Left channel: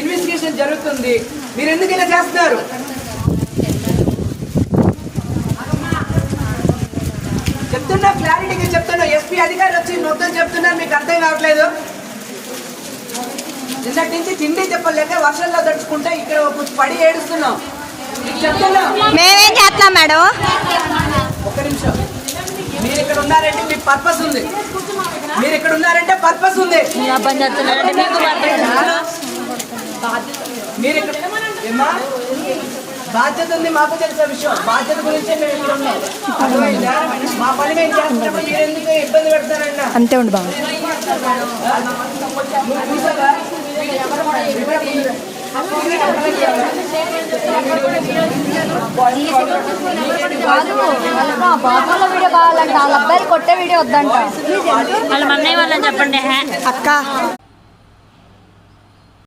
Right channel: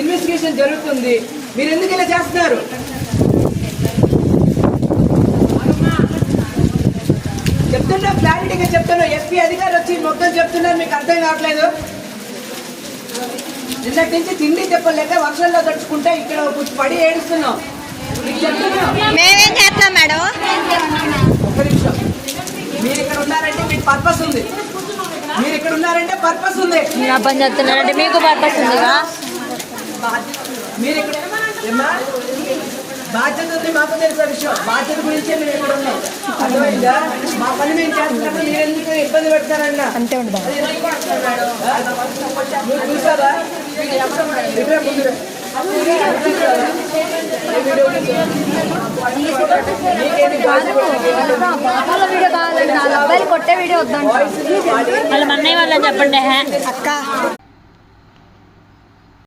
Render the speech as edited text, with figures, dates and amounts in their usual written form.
Investigation జరుగుతుంది. మీరు ఎందుకు ఇలా చేస్తున్నారు? చెప్తున్నా, క్లారిటీగా చెప్తున్నా. ఎస్పీ అధికారులు వచ్చి మొత్తం చెప్తున్నారు, మీకు అర్థం కావట్లేదు. నిన్నటి నుంచి తిండి చెప్పలేక వర్షంలో తడుచుకుంటే ఇక్కడ పడి ఏడుస్తున్నాం. మేమేం చేస్తున్నాం మేడం? ఒక్క నిమిషం. మీరు ఇక్కడ ఉన్నారంటే మీకు పర్పస్ ఉంది. మీరు ఇక్కడ ఉన్నారంటే పర్పస్ ఉంది. పని చేస్తున్నారంటే మీకు పర్పస్ ఉందా? మీరు ఇక్కడ ఏమా బాధ్యత ఉంది, మాకు తెలిసిన విషయం. బాధ్యత గురించే మేము ఇక్కడ ఉన్నాం. అర్థమైందా? మా పని మేము చేస్తున్నప్పుడు మీరు ఎందుకు ఇబ్బంది పెడతారన్న అంతే ఉండు బాబు. చూసావా? వీడియో కావాలంటే వాళ్ళ అబ్బాయిలు కొట్టే వీడియో వద్దంట. వాళ్ళ మన్నయ్య వాళ్ళని చెప్పండి అక్క.